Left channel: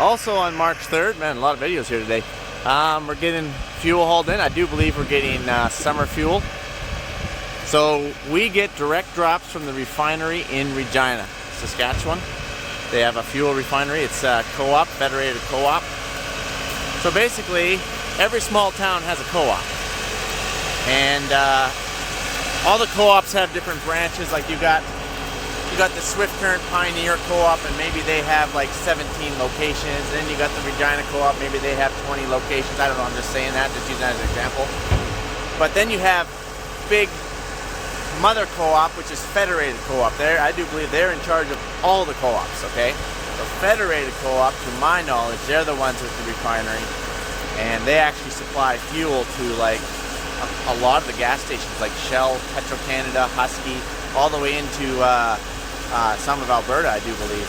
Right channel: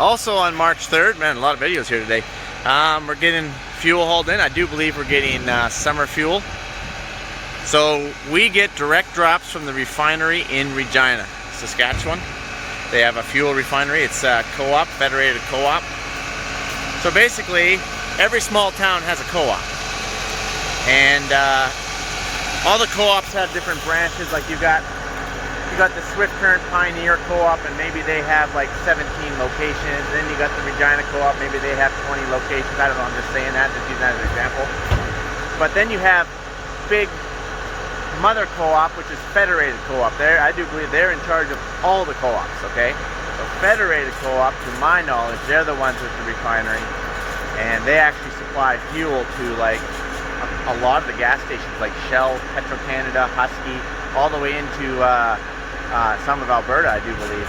Also on March 3rd, man, a lot of videos here today. We're getting fuel hauled in. I do believe we're getting summer fuel. So we get direct drops from the refinery in Regina, Saskatchewan. They have a fuel refinery. It's a co-op, federated co-op. So basically, every small town has a co-op. And all the co-ops have different branches. Like you got the Swift Current Pioneer Co-op, and maybe they have like 17 locations. Then you got the Regina Co-op, maybe they have 20 locations. I don't know, I'm just saying that, just using that as an example. But then you have big mother co-op, which is federated co-op. There, I do believe they're in charge of all the co-ops, okay? The federated co-op, to my knowledge, they're the ones with the refinery, and they actually supply fuel to like a lot of the gas stations, like Shell, Petro-Canada, Husky, all the way into some of Alberta, I do believe.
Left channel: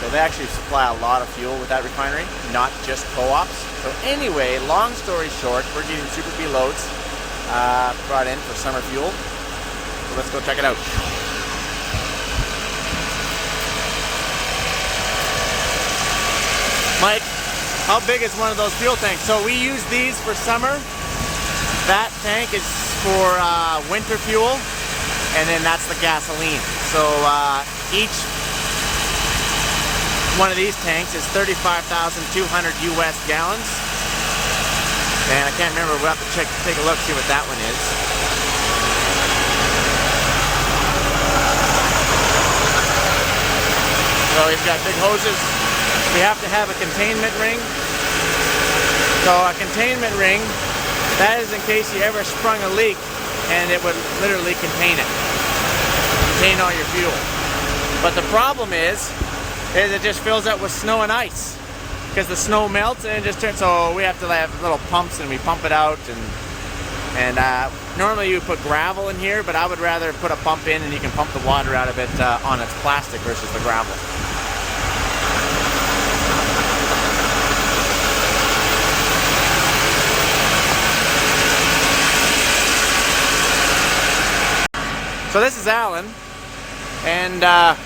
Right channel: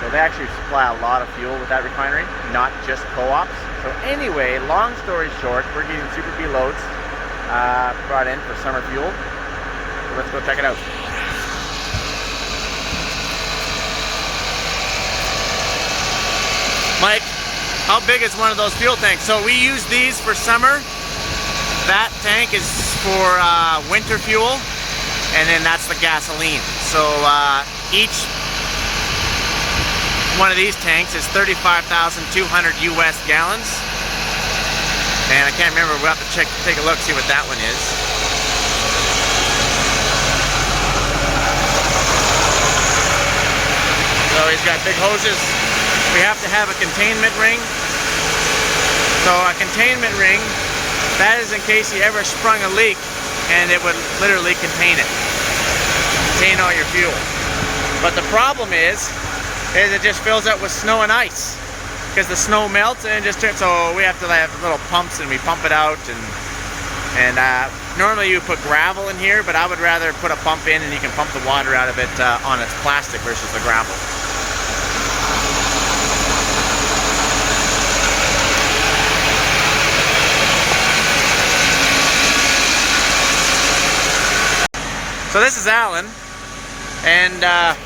So they actually supply a lot of fuel with that refinery, not just co-ops. So anyway, long story short, we're getting Super B loads brought in for summer fuel. So let's go check it out. Mike, how big is one of those fuel tanks? So we use these for summer. That tank is for winter fuel, and then that's the gasoline. So each one of these tanks is 35,200 US gallons. And I can't remember, we'll have to take a look, see what that one is. So he's got big hoses. We have to have a containment ring. So a containment ring, that is in case you ever sprung a leak, and it would literally contain it. Contain all your fuel. But the problem is it just fills up with snow and ice, because the snow melts and it just turns. So we have to have little pumps, and we pump it out, and normally you put gravel in here, but I would rather put a pump in, and you can pump the water out of it on its plastic versus the gravel. So this is Alan, and Alan,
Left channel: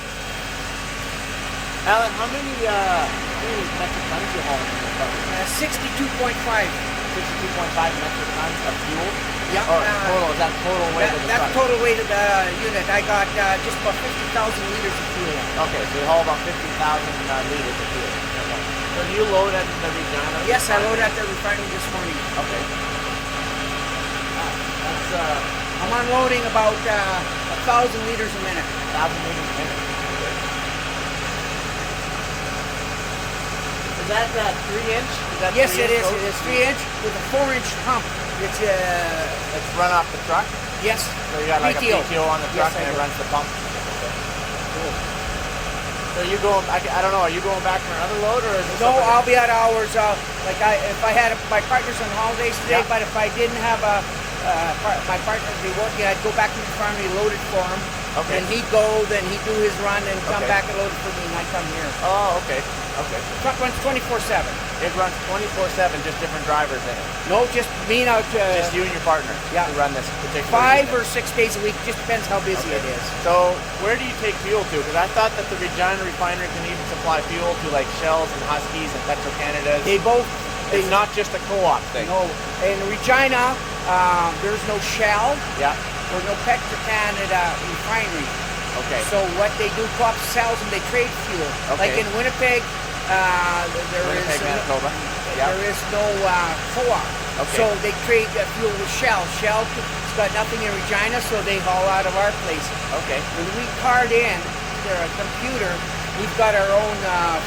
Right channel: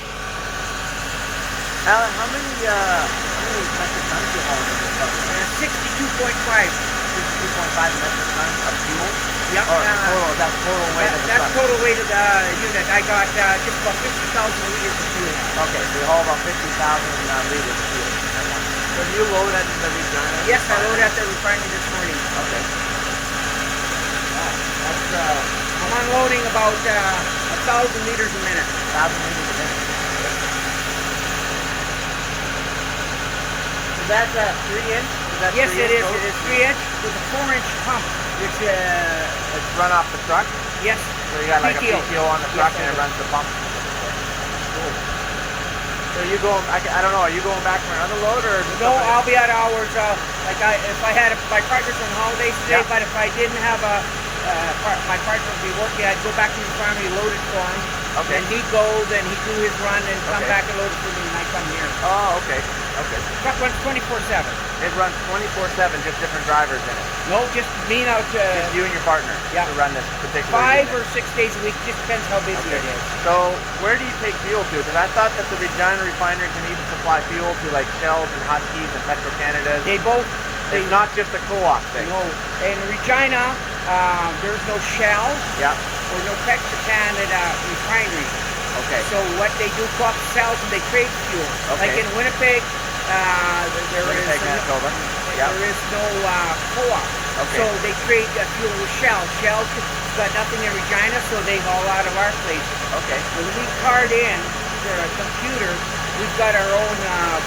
how many metric tons do you haul in this bucket? 62.5. 62.5 metric tons of fuel? Yeah. Or total, is that total weight of the truck? That's total weighted unit. I got just about 50,000 liters of fuel on. Okay, so you haul about 50,000 liters of fuel at once. So do you load at the Regina? Yes, I load at the refinery this morning. Okay. Wow, that's I'm unloading about 1,000 liters a minute. 1,000 liters a minute. Okay. Is that 3-inch? Yes, it is. It is 3-inch with a 4-inch pump, which it's run off the truck. Yes. So you got like PTO. a PTO on the truck, and it runs the pump. Okay. Cool. So you going? I don't know. Are you going back for another load, or? Is it no, I'll be at hours. If I had my partners on holidays today, but if I didn't have my partner would be working, I'd go back to the farm, load it for him. Okay. And he'd go, then he'd do his run, and come back and load it for me, and I come here. Oh, okay. Okay. The truck runs 24/7. It runs 24/7, just different drivers in it. No, just me now. Just you and your partner to run this particular 5 unit. or 6 days a week, just depends how busy it is. So where do you take fuel to? Because I thought that the Regina refinery can even supply fuel to like Shells and Huskies and Petro-Canadas. They both. It's not just a co-op thing. No, in Regina, there's no Shell. Yeah. Or no Petro-Canada refinery. Okay. So what they do, co-op sells and they trade fuel. Okay. Like in Winnipeg, Winnipeg, Manitoba. Yeah. There is no co-op. Okay. So they trade fuel with Shell. Shell's got nothing in Regina, so they haul out of our places. Okay. When we card in their computer, we've got our own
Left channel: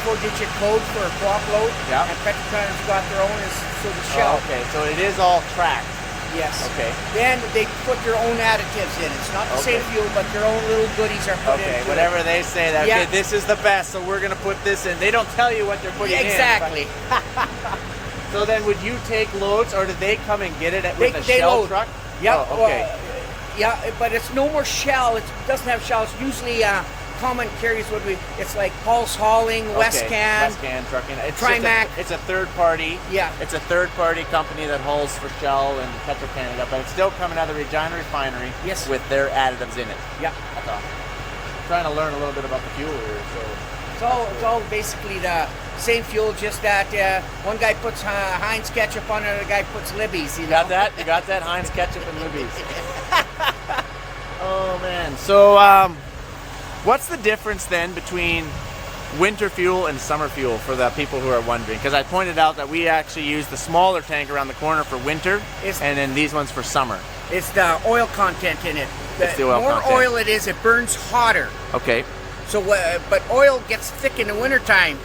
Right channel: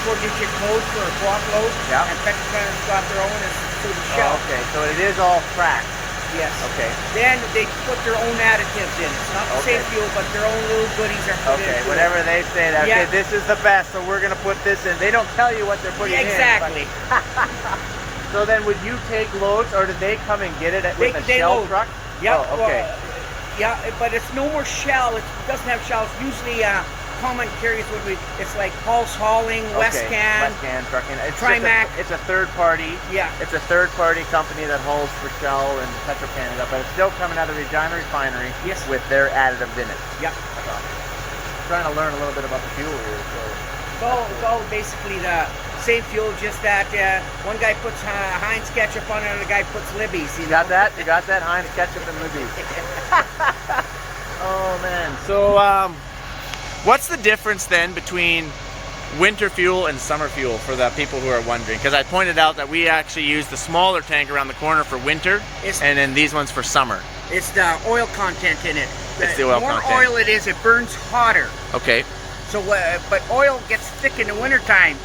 4-digit code for a co-op load. Yeah. And Petro-Canada's got their own for the Shell. Oh, okay. So it is all tracked. Yes. Okay. Then they put their own additives in. It's not the same fuel, but their own little goodies are put in. Okay, whatever they say that, okay, this is the best, so we're going to put this in. They don't tell you what they're putting exactly. in. Exactly. So then would you take loads, or did they come and get it with a Shell load. truck? Yeah. Oh, okay. Yeah, but it's no more Shell. It doesn't have Shell. It's usually common carriers. It's like Pulse Hauling, Westcan trucking. It's Trimac. It's a third party. Yeah. It's a third party company that hauls for Shell and Petro-Canada, but it's still coming out of the Regina refinery. Yes. With their additives in it. Yeah. That's awesome. Trying to learn a little bit about the fuel here. So it's all basically the same fuel, just that one guy puts Heinz ketchup on it, another guy puts Libby's. You got that? You got that? Heinz ketchup and Libby's. Oh man. So what's the difference then between winter fuel and summer fuel for the people who are wondering? Because I pointed out that we actually use the smaller tank around the corner for winter, and then these ones for summer. It's the oil content in it. It's the oil more content. Oil it is, it burns hotter. Okay. So, but oil gets thick in the wintertime.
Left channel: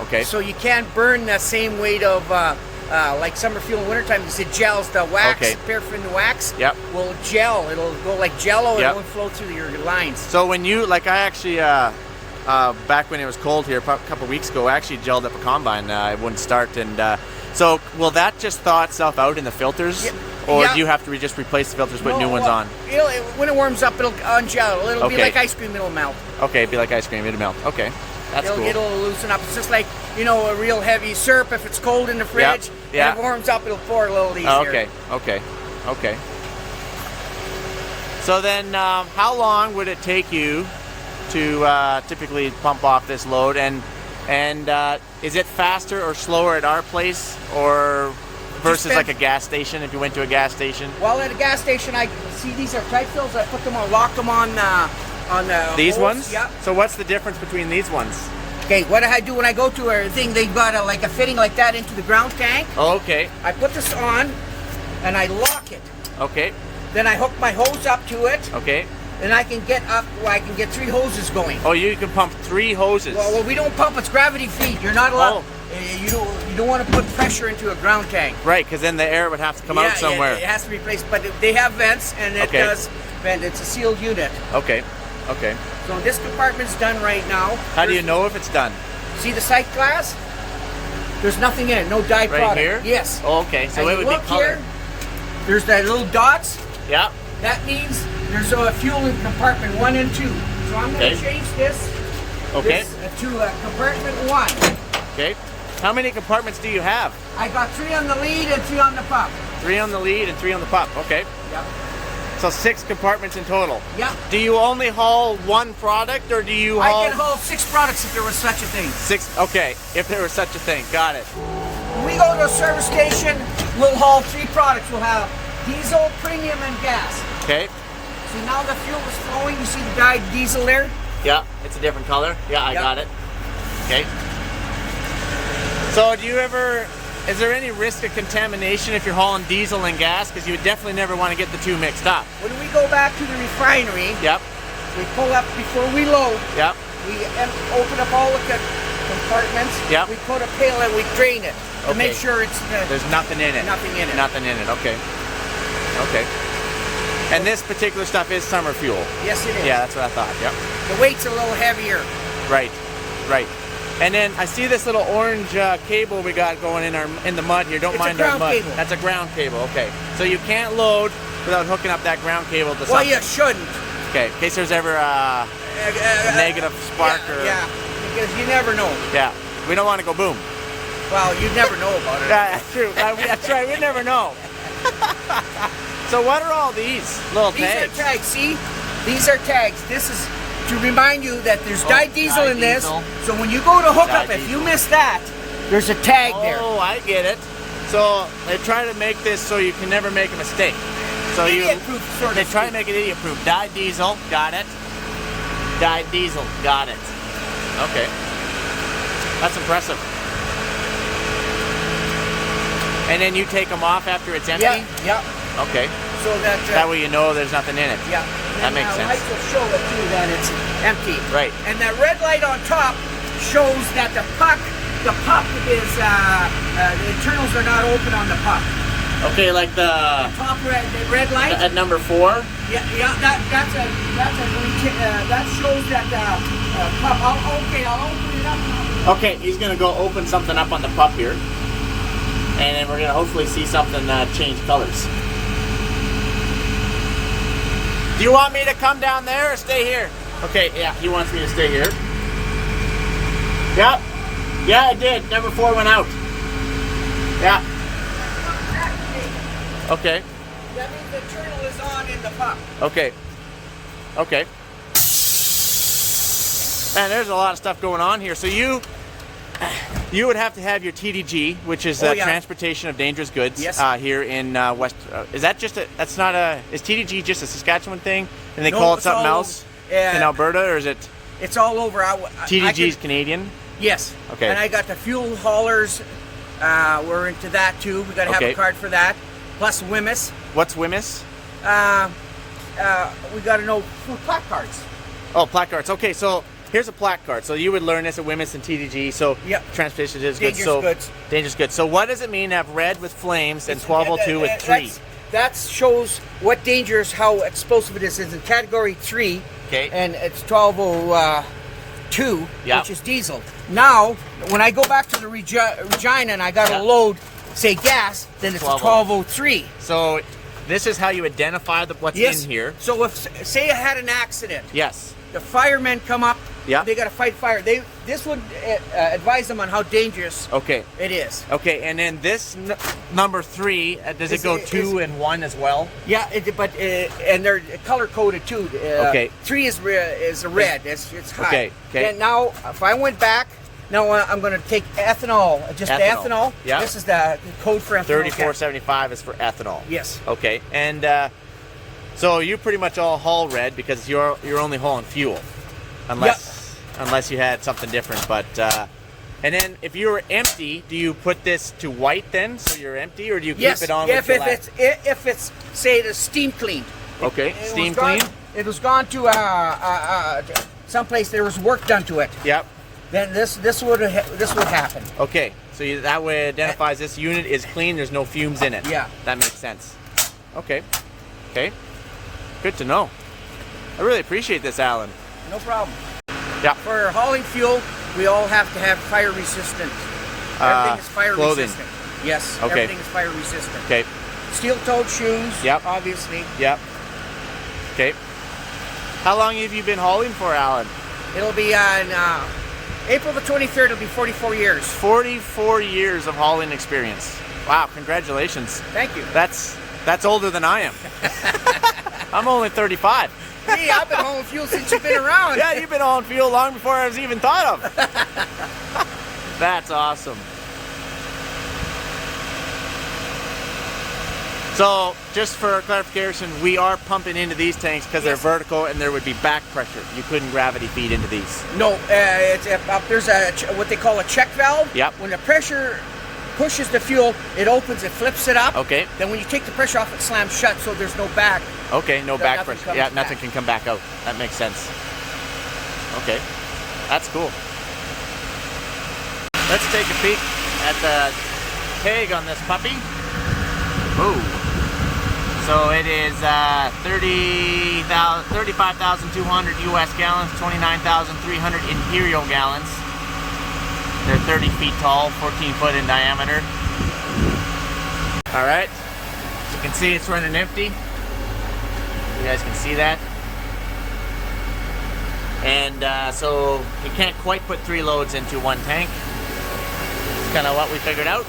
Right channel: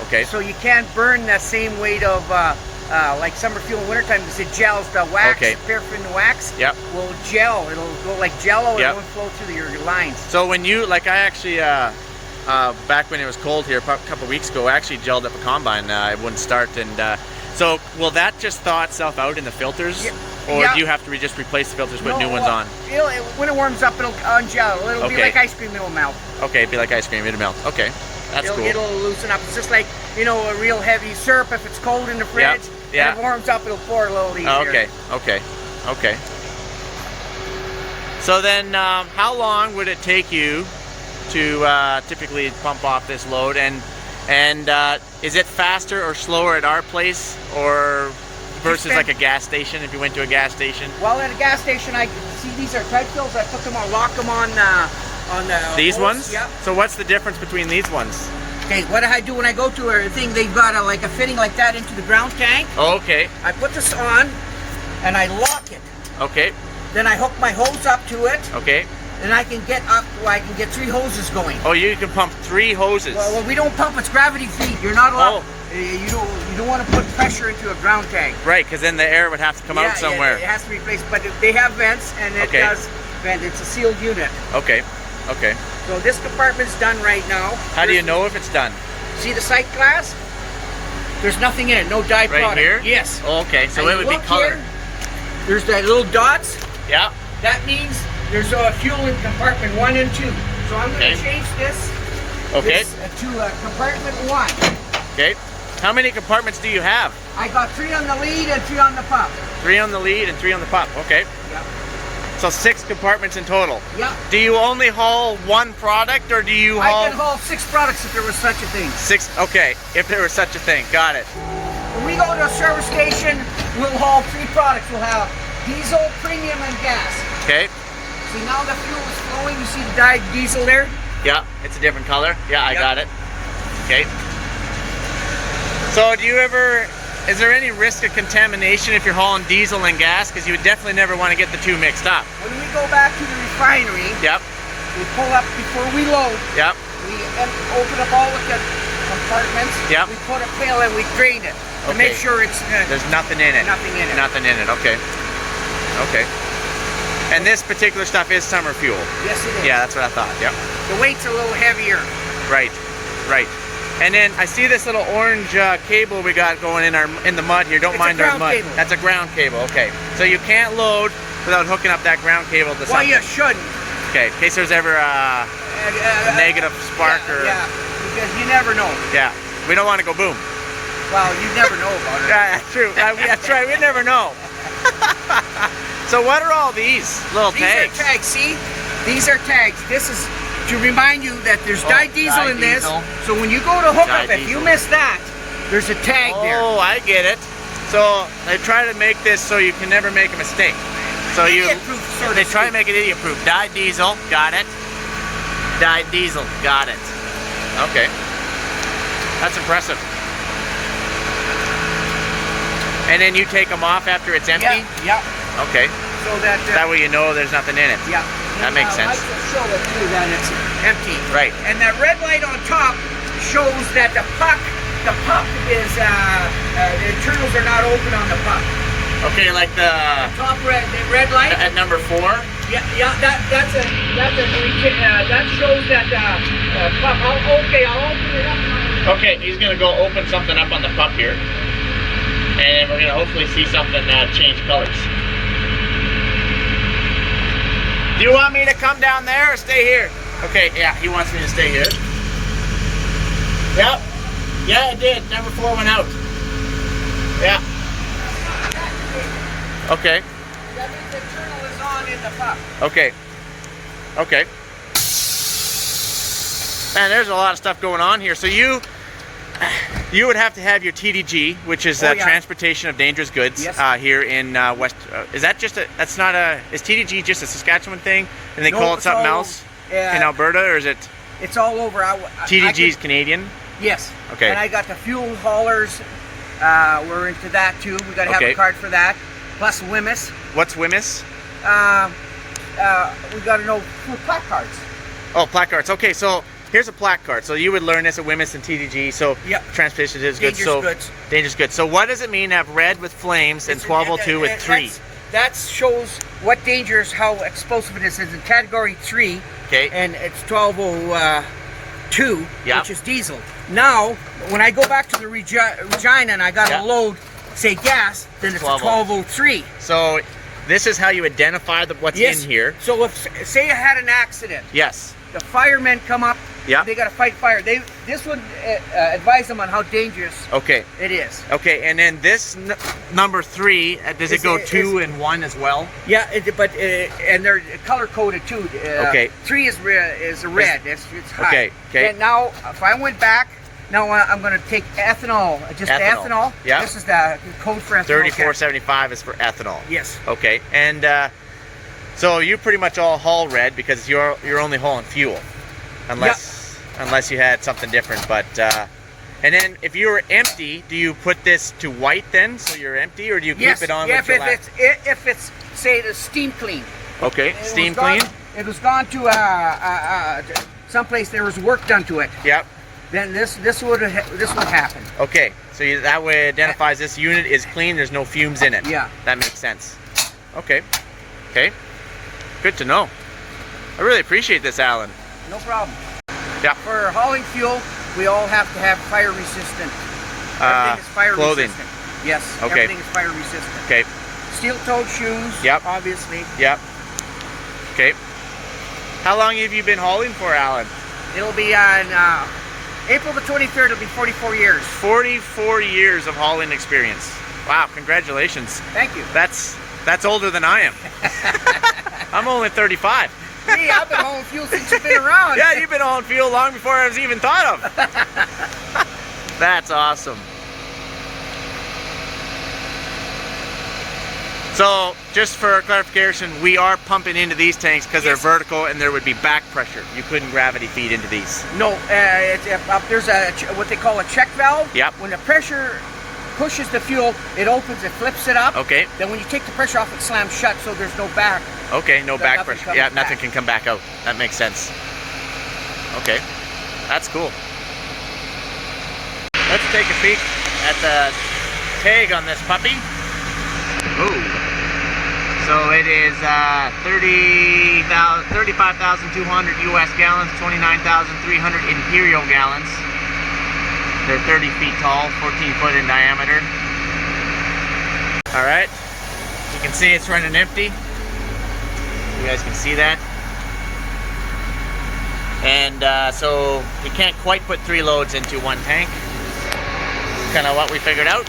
Okay. So you can't burn the same weight of like summer fuel in wintertime because it gels. The wax, paraffin wax, will gel. It'll go like Jello. It won't flow through your lines. So when you, like I actually, back when it was cold here a couple weeks ago, I actually gelled up a combine. It wouldn't start, and so will that just thaw itself out in the filters, or do you have to just replace the filters, put new ones on? When it warms up, it'll ungel. It'll be like ice cream. It'll melt. Okay, it'd be like ice cream. It'll melt. Okay, that's cool. It'll loosen up. It's just like, you know, a real heavy syrup. If it's cold in the fridge, when it warms up, it'll pour a little easier. Okay. So then, how long would it take you to typically pump off this load, and is it faster or slower at our place or versus like a gas station, if you went to a gas station? Well, at a gas station, I see these are tight fills. I put them on, lock them on the these hose. ones? Yep. So what's the difference between these ones? Okay, what I do when I go to a thing, they've got like a fitting like that into the ground tank. Oh, okay. I put this on and I lock it. Okay. Then I hook my hose up to it. Okay. And I can get up, I can get 3 hoses going. Oh, you can pump 3 hoses. Well, we don't pump, it's gravity feed. You're not allowed. You don't want to put pressure into a ground tank. Right, because then the air would have to come out somewhere. It has to be placed, but they have vents, and it does vent. It's a sealed unit. Okay. So this compartment's done right now. How do you know if it's done? See the sight glass? There's nothing in it, no dye product. Right here? Yes. Oh, okay, so it would be colored. There's that little dots. Yeah. That means there's a fuel in compartment 1 and 2. So I'm going to change this, to compartment 1. Okay. How many compartments do you have? I got 3 on the lead and 3 on the pump. 3 on the lead and 3 on the pump. Okay. Yep. So 6 compartments in total. Yep. Do you only haul one product, or do you haul? I can haul 6 products if there was such a thing. 6. Okay. If there was such a thing, got it. When we go to a service station, we'll haul 3 products. We'll have diesel, premium, and gas. Okay. See, now the fuel is flowing. You see the dyed diesel there? Yeah, it's a different color. Yeah, I got it. Okay. So do you ever, is there any risk of contamination if you're hauling diesel and gas? Because you would definitely never want to get the 2 mixed up. When we go back to the refinery, Yep. we pull up before we load. Yep. We open up all the compartments. Yep. We put a pail and we drain it to make sure it's there's nothing in it. Nothing in it. Nothing in it. Okay. And this particular stuff is summer fuel. Yes, it is. Yeah, that's what I thought. Yep. The weight's a little heavier. Right. And then I see this little orange cable we got going in the mud here. Don't mind our mud. Cable. That's a ground cable. Okay. So you can't load without hooking up that ground cable to something. Well, you shouldn't. Okay. In case there's ever a negative spark Yeah, because you never know. Yeah. We don't want to go boom. Well, you never know about it. Yeah, that's true. That's right. We never know. So what are all these little tags? These are tags. See, these are tags. This is to remind you that there's dyed diesel in this. So when you go to hook up, if you miss that, there's a tag there. Oh, I get it. So they try to make this so you can never make a mistake. So they try to make it idiot-proof. Dyed diesel, got it. Dyed diesel, got it. Okay, that's impressive. And then you take them off after it's empty? Yeah. Okay. So that way you know there's nothing in it. Yeah. That makes sense. Lights will show it too that it's empty. Right. And that red light on top shows that the puck is the internals are not open on the puck. Okay, like the top red light at number 4. Yeah. That shows that puck. I'll open it up. Okay, he's gonna go open something up on the pup here, and we're gonna hopefully see something change colors. Do you want me to come down there or stay here? Okay, yeah, he wants me to stay here. Yeah, it did. Number 4 went out. Yeah. Okay. That means the internal is on in the puck. Okay. Man, there's a lot of stuff going on here. So You would have to have your TDG, which is Transportation of Dangerous Goods, here in West. Is that just a? That's not a. Is TDG just a Saskatchewan thing, and they call it something else in Alberta, or is it? It's all over. TDG is Canadian. Yes. Okay. And I got the fuel haulers. We're into that too. We got to have a card for that. Plus WIMIS. What's WIMIS? We got to know for plaque cards. Oh, plaque cards. Okay, so here's a plaque card. So you would learn this at WIMIS and TDG. So Transportation is good. Dangerous goods. So what does it mean to have red with flames and 1202 with 3? That shows what dangerous, how explosive it is. It's in category 3. Okay. And it's 1202, which is diesel. Now, when I go back to the Regina and I got a load, say gas, then it's 1203. So this is how you identify what's in here. So if, say I had an accident. Yes. The firemen come up. Yeah. They got to fight fire. This would advise them on how dangerous it is. Okay, and then this number 3, does it go 2 and 1 as well? Yeah, and they're color coded too. 3 is red. It's high. Okay. And now, if I went back, now I'm going to take ethanol. Just ethanol. Yeah. This is the code for ethanol. 3475 is for ethanol. Yes. Okay, and so you pretty much all haul red because you're only hauling fuel, unless you had something different. But and then if you were empty, do you put this to white then, so you're empty, or do you keep it on? If it's say the steam clean. Okay, steam clean. It was gone to someplace there was work done to it. Yep. Then this would happen. Okay, so that way identifies this unit is clean. There's no fumes in it. Yeah. That makes sense. Okay. Okay. Good to know. I really appreciate this, Alan. No problem. Yeah. For hauling fuel, we all have to have fire resistant. Everything is fire resistant. Yes. Okay. Everything is fire resistant. Okay. Steel-toed shoes. Yep. Obviously. Yep. Okay. How long have you been hauling for, Alan? It'll be on April the 23rd. It'll be 44 years. 44 years of hauling experience. Wow! Congratulations. Thank you. That's older than I am. I'm only 35. Hey, I've been hauling fuel since you've been around. Yeah, you've been hauling fuel long before I was even thought of. That's awesome. So, just for clarification, we are pumping into these tanks because they're vertical and there would be back pressure. You couldn't gravity feed into these. No, there's what they call a check valve. Yep. When the pressure pushes the fuel, it opens, it flips it up. Okay. Then when you take the pressure off, it slams shut, so there's no back. Okay, no back pressure. Yeah, nothing can come back out. That makes sense. Okay, that's cool. Let's take a peek at the tag on this puppy. Ooh. So it is 35,200 US gallons, 29,300 imperial gallons. They're 30 feet tall, 14 foot in diameter. All right, you can see it's running empty. You guys can see that. And so you can't quite put 3 loads into one tank. Kind of what we figured out.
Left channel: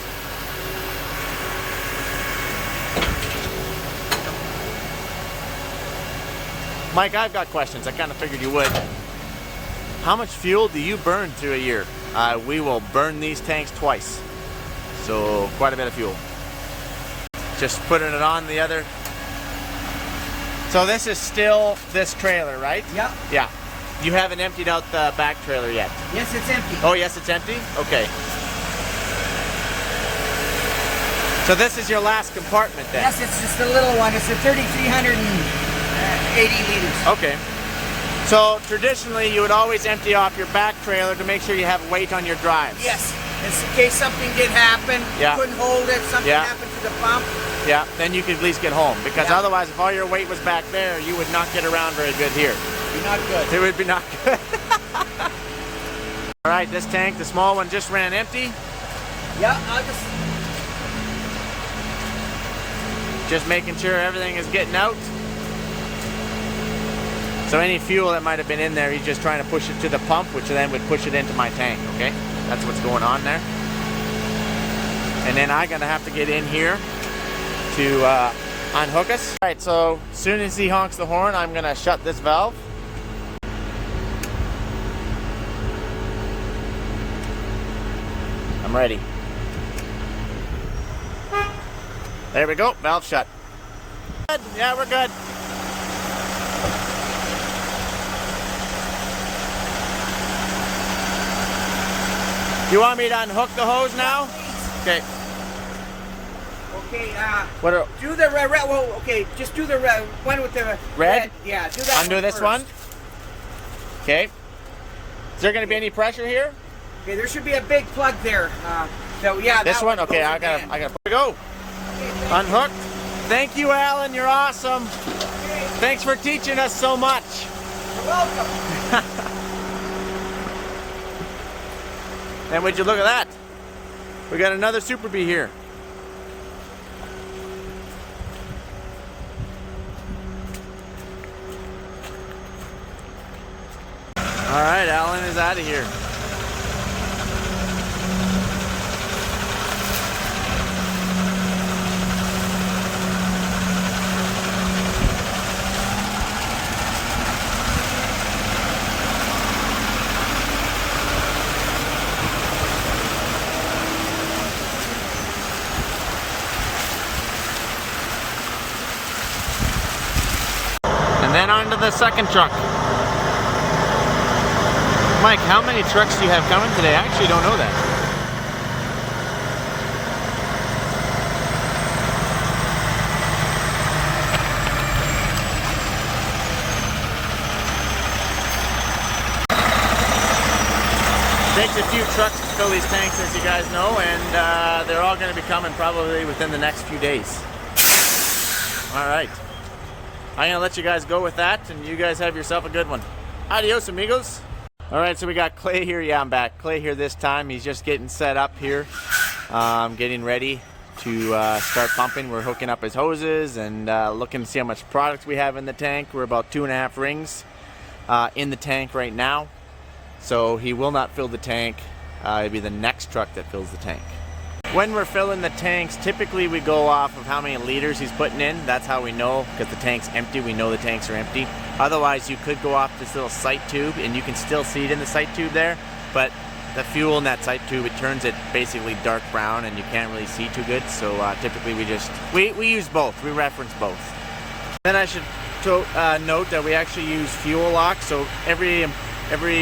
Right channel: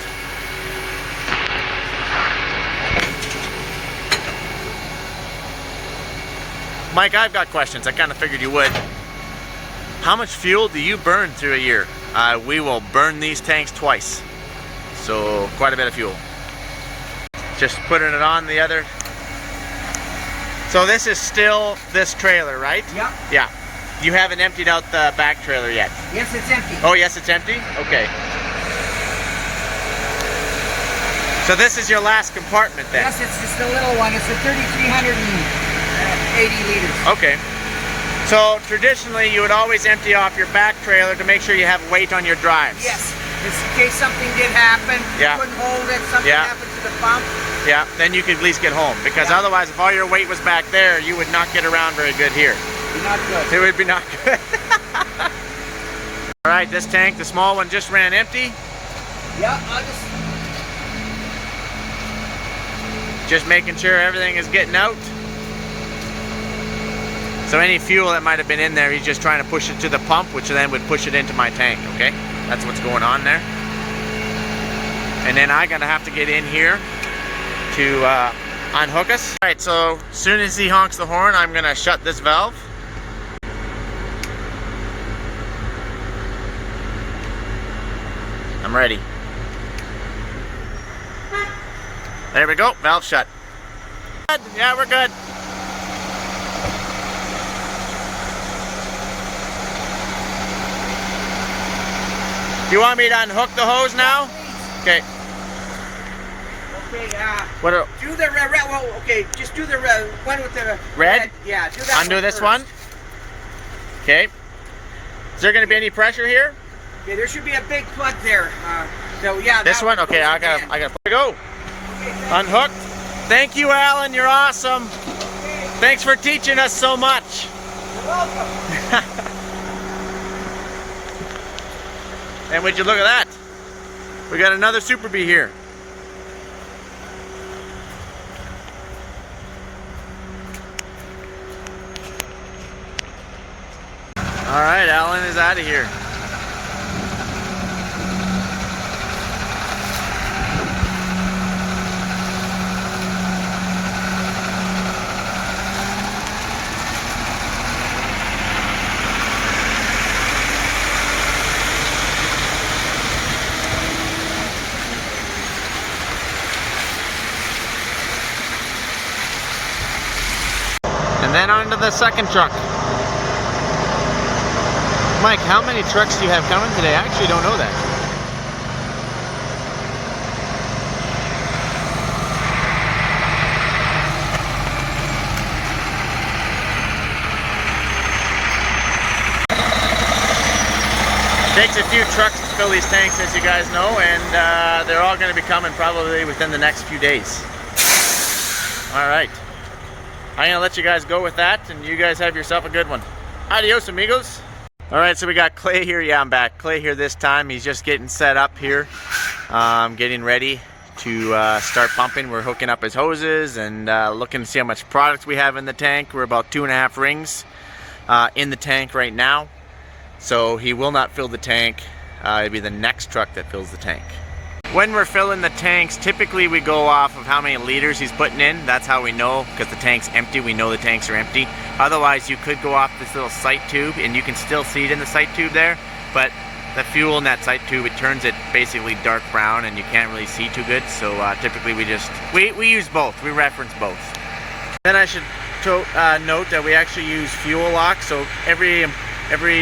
Mike, I've got questions. I kind of figured you would. How much fuel do you burn through a year? We will burn these tanks twice. So quite a bit of fuel. Just putting it on the other. So this is still this trailer, right? Yep. Yeah. You haven't emptied out the back trailer yet? Yes, it's empty. Oh, yes, it's empty? Okay. So this is your last compartment then? Yes, it's just a little one. It's a 3,380 liters. Okay. So traditionally you would always empty off your back trailer to make sure you have weight on your drives. Yes. Just in case something did happen, you couldn't hold it, something happened to the pump. Yeah, then you could at least get home. Because otherwise, if all your weight was back there, you would not get around very good here. Be not good. It would be not good. All right, this tank, the small one, just ran empty. Yeah, just making sure everything is getting out. So any fuel that might have been in there, he's just trying to push it to the pump, which then would push it into my tank, okay? That's what's going on there. And then I'm gonna have to get in here to unhook us. All right, so as soon as he honks the horn, I'm gonna shut this valve. I'm ready. There we go, valve shut. Good. Yeah, we're good. Do you want me to unhook the hose now? Okay. Okay, what are, do the red, well, okay, just do the red, one with the red? Yeah, do that. Undo this one. Okay. Is there going to be any pressure here? Okay, there should be a big plug there. So yeah. This one? Okay, I gotta go. Unhooked. Thank you, Alan. You're awesome. Okay. Thanks for teaching us so much. You're welcome. And would you look at that? We got another Super Bee here. All right, Alan is out of here. And then on to the second truck. Mike, how many trucks do you have coming today? I actually don't know that. It takes a few trucks to fill these tanks, as you guys know, and they're all going to be coming probably within the next few days. All right. I'm going to let you guys go with that, and you guys have yourself a good one. Adios, amigos. All right, so we got Clay here. Yeah, I'm back. Clay here this time. He's just getting set up here, getting ready to start pumping. We're hooking up his hoses and looking to see how much product we have in the tank. We're about 2.5 rings in the tank right now. So he will not fill the tank. It'll be the next truck that fills the tank. When we're filling the tanks, typically we go off of how many liters he's putting in. That's how we know, because the tank's empty. We know the tanks are empty. Otherwise, you could go off this little sight tube, and you can still see it in the sight tube there. But the fuel in that sight tube, it turns it basically dark brown, and you can't really see too good. So typically we use both. We reference both. Then I should note that we actually use fuel lock. So every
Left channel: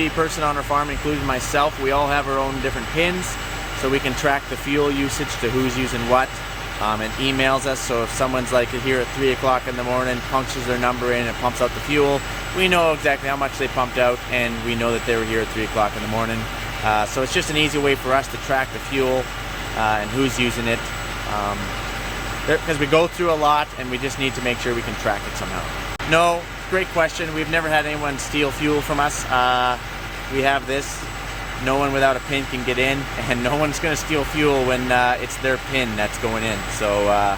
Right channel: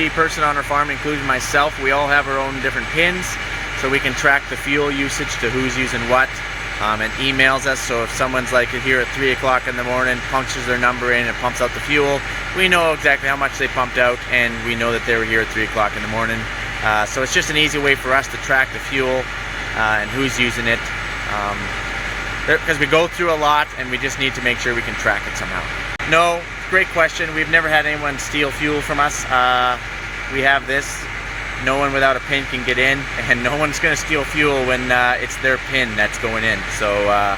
person on our farm, including myself, we all have our own different pins. So we can track the fuel usage to who's using what, and emails us. So if someone's like here at 3 o'clock in the morning, punches their number in and pumps out the fuel, we know exactly how much they pumped out, and we know that they were here at 3 o'clock in the morning. So it's just an easy way for us to track the fuel and who's using it, because we go through a lot, and we just need to make sure we can track it somehow. No, great question. We've never had anyone steal fuel from us. We have this. No one without a pin can get in, and no one's going to steal fuel when it's their pin that's going in. So,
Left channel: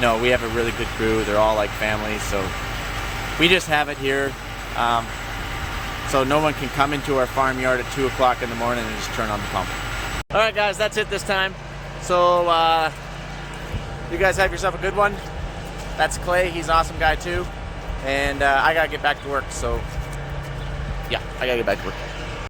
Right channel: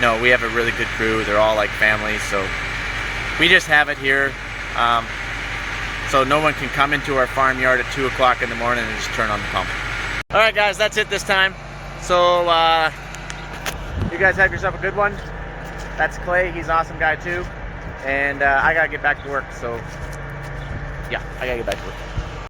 no, we have a really good crew. They're all like families, so we just have it here. So no one can come into our farmyard at 2 o'clock in the morning and just turn on the pump. All right, guys, that's it this time. So, you guys have yourself a good one. That's Clay. He's an awesome guy, too. And I got to get back to work, so yeah, I got to get back to work.